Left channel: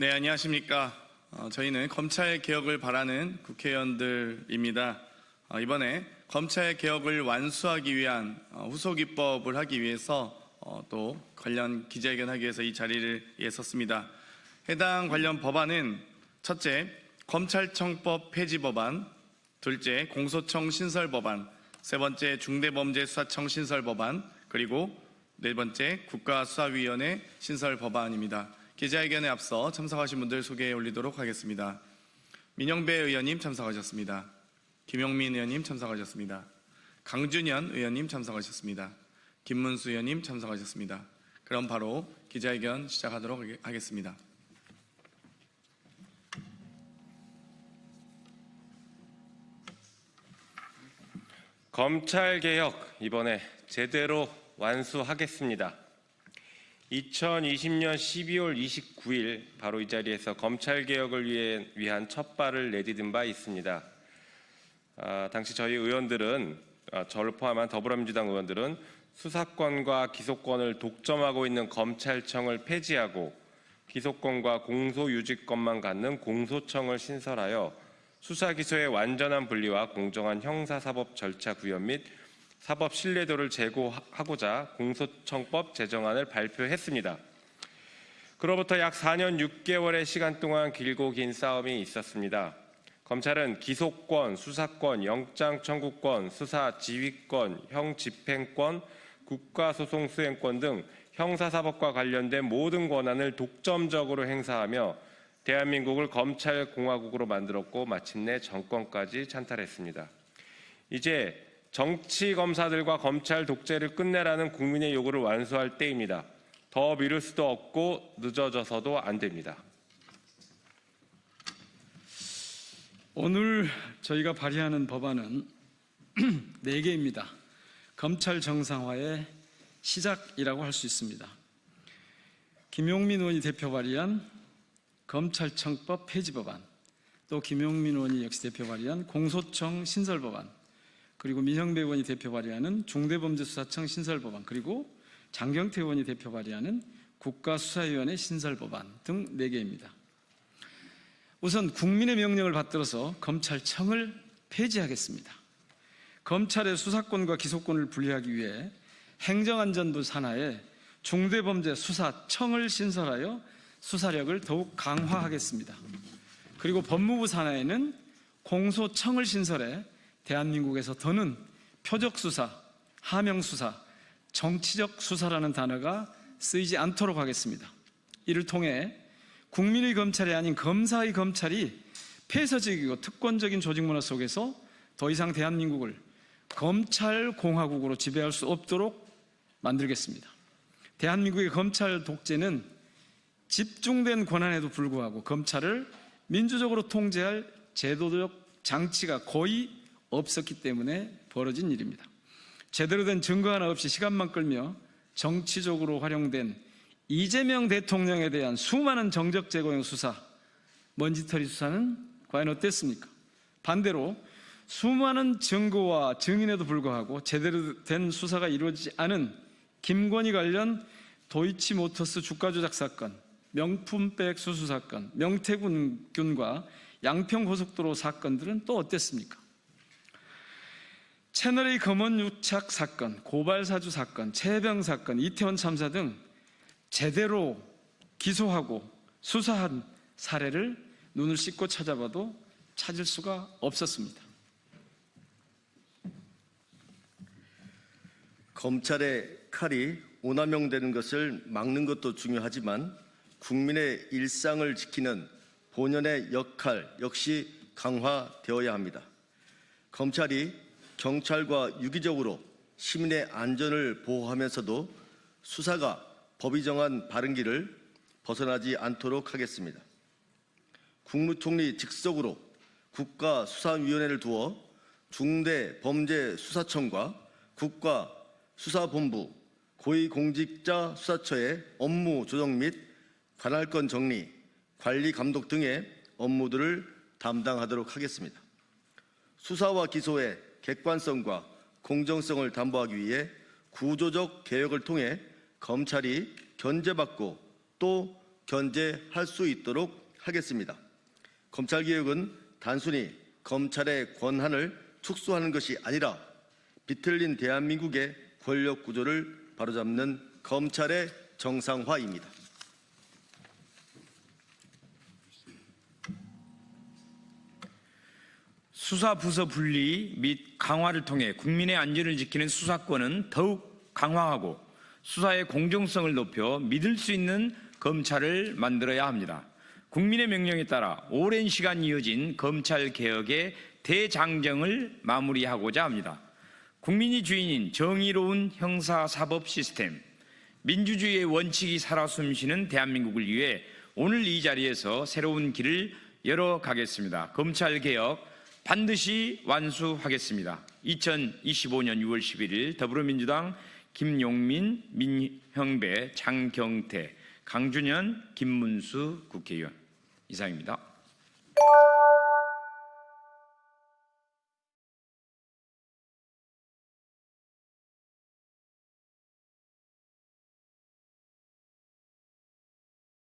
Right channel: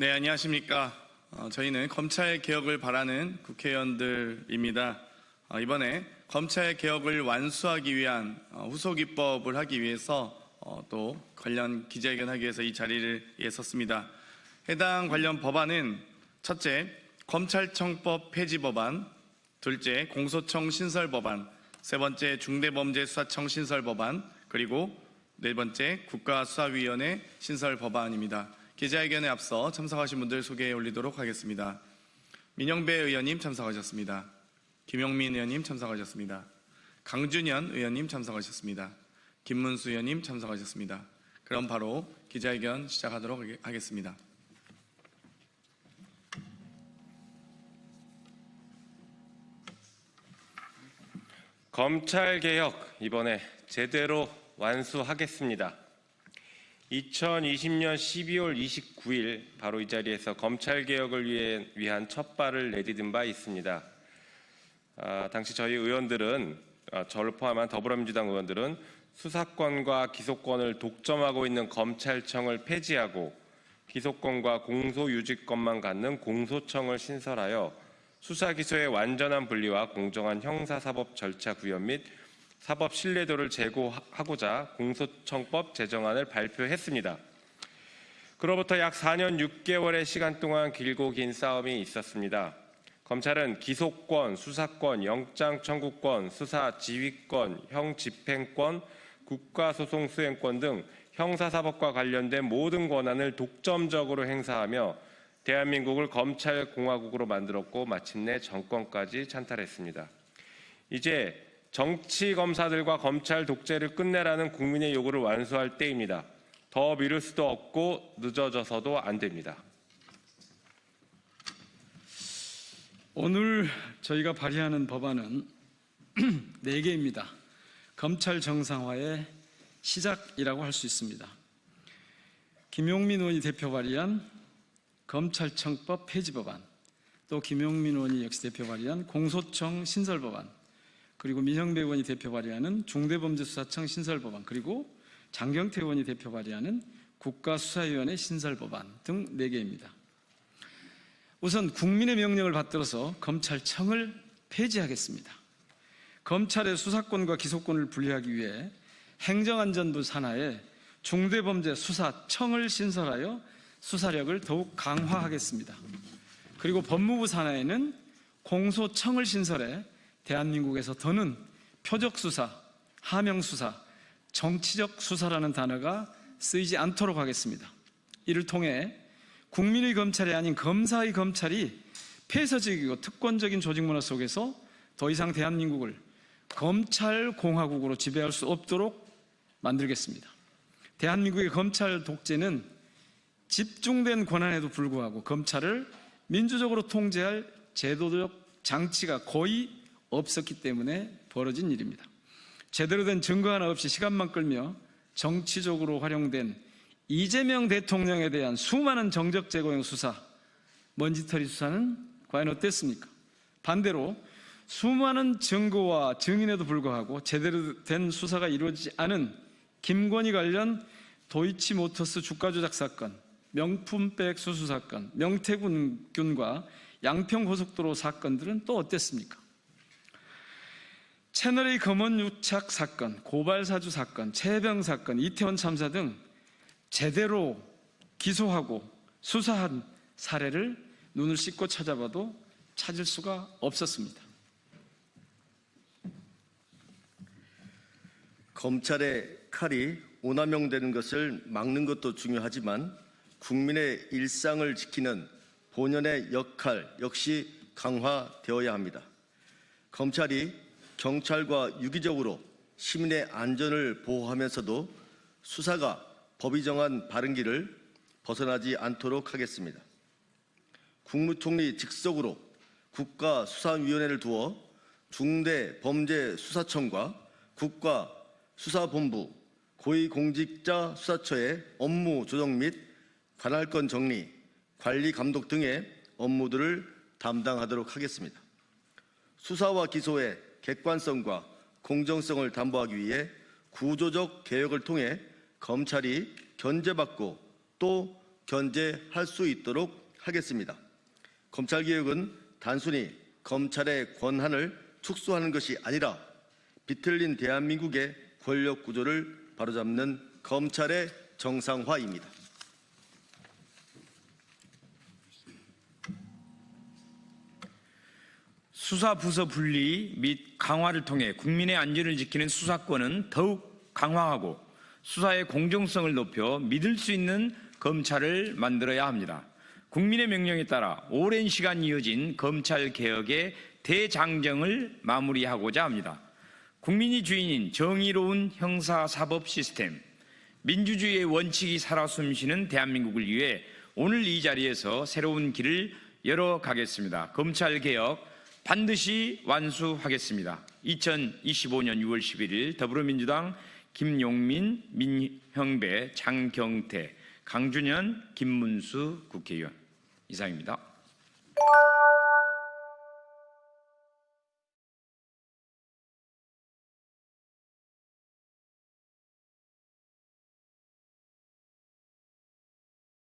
네, 안녕하십니까. 저희는 검찰 개혁을 바라는 국회의원들입니다. 이번에 검찰 개혁을 완수하기 위한 후속 입법을 하기 위해서 또 관련 기자회견하기 위해서 이 자리를 섰습니다. 해당 관련 법안은 첫째, 검찰청법 폐지 법안, 둘째, 공소청 신설 법안, 세 번째, 중대범죄수사청 신설 법안, 그리고 네 번째, 국가수사위원회 신설 법안입니다. 기자회견에 앞서 참석하신 분들 소개해 올리도록 하겠습니다. 민영배 의원님 참석하셨습니다. 김용민 의원님 참석하셨습니다. 강준현 의원님 참석하셨습니다. 김문수 의원님 참석하셨습니다. 그럼 바로 기자회견 시작하도록 하겠습니다. 검찰개혁 이번에 제대로 완수하겠습니다. 2020년 12월 29일 바로 이 자리에서 검찰개혁을 위한 첫 발을 내디딘 바 있습니다. 당시 저희 의원들은, 저를 포함한 더불어민주당 의원들은 수사권과 기소권을 독점하고 있는 검찰청을 폐지하고 기소권과 공소유지권만 갖는 공소청을 신설하여 수사기소의 완전한 분리와 공정한 형사사법 절차 구현 및 사법 신뢰도를 제고하고자 공소청법 제정안을 발표했습니다. 그로부터 약 4년 6개월의 시간 동안 길고 긴 싸움이 있었습니다. 검찰은 기소권, 수사권, 영장 청구권, 수사 지휘권, 형 집행권, 국가소송 수행권 등 형사사법과 관련된 모든 권한을 독점적으로 행사하며 대한민국을 검찰공화국으로 만들었고 마침내 정권까지 찬탈했습니다. 이제 정치검사들과 검찰 독재를 끝내라는 국민의 요구를 완수할 때입니다. 더 미룰 수도 없고 늦어져서도 안 됩니다. 오늘 저희가 발의하는 법안은 4개입니다. 검찰 정상화의 시작이라고 할 수 있습니다. 김용민 의원이 대표 발의한 검찰청법 폐지 법안, 또 김용민 의원이 역시 대표 발의한 공소청 신설 법안, 그리고 민영배 의원이 대표 발의하는 중대범죄수사청 신설 법안, 그리고 장경태 의원이 대표 발의하는 국가수사위원회 신설 법안 등 4개입니다. 우선 국민의 명령을 받들어서 검찰청을 폐지하겠습니다. 검찰의 수사권과 기소권을 분리하기 위해 행정안전부 산하에 중대범죄수사청을 신설하여 수사력을 더욱 강화하겠습니다. 그리고 법무부 산하에는 공소청을 신설해 대한민국에서 더는 표적수사, 하명수사, 정치적 수사라는 단어가 쓰이지 않도록 하겠습니다. 이를 통해 국민의 검찰이 아닌 검사의 검찰이 폐쇄적이고 특권적인 조직문화 속에서 더 이상 대한민국을 검찰공화국으로 지배할 수 없도록 만들겠습니다. 대한민국의 검찰 독재는 집중된 권한에도 불구하고 검찰을 민주적으로 통제할 제도적 장치가 거의 없었기 때문에 벌어진 일입니다. 제대로 된 증거 하나 없이 시간만 끌며 정치적으로 활용된 이재명 대통령에 대한 수많은 정적 제거용 수사, 먼지털이 수사는 과연 어땠습니까? 반대로 수많은 증거와 증인에도 불구하고 제대로 된 수사가 이루어지지 않은 김건희 관련 도이치모터스 주가 조작 사건, 명품백 수수 사건, 명태균과 양평고속도로 사건들은 또 어땠습니까? 채널A 검언 유착 사건, 고발사주 사건, 최병 사건, 이태원 참사 등 제대로 기소하고 수사한 사례를 눈을 씻고 찾아봐도 찾을 수가 없었습니다. 검찰의 칼이 오남용되는 것을 막는 것도 중요하지만 국민의 일상을 지키는 본연의 역할 역시 강화되어야 합니다. 검찰이 경찰과 유기적으로 시민의 안전을 보호하면서도 수사가 법이 정한 바른 길을 벗어나지 않도록 하겠습니다. 국무총리 직속으로 국가수사위원회를 두어 중대범죄수사청과 국가수사본부, 고위공직자수사처의 업무 조정 및 관할권 정리, 관리 감독 등의 업무들을 담당하도록 하겠습니다. 수사와 기소의 객관성과 공정성을 담보하기 위해 구조적 개혁을 통해 검찰이 견제받고 또 견제할 수 있도록 하겠습니다. 검찰개혁은 단순히 검찰의 권한을 축소하는 것이 아니라 비틀린 대한민국의 권력 구조를 바로잡는 검찰의 정상화입니다. 수사 부서 분리 및 강화를 통해 국민의 안전을 지키는 수사권은 더욱 강화하고 수사의 공정성을 높여 믿을 수 있는 검찰을 만들어야 합니다. 국민의 명령에 따라 오랜 시간 이어진 검찰 개혁의 대장정을 마무리하고자 합니다. 국민이 주인인 정의로운 형사사법 시스템, 민주주의의 원칙이 살아 숨쉬는 대한민국을 위해 오늘 이 자리에서 새로운 길을 열어가겠습니다. 검찰 개혁 반드시 완수하겠습니다. 2025년 6월 11일 더불어민주당 김용민, 민형배, 장경태, 강준현, 김문수 국회의원 이상입니다.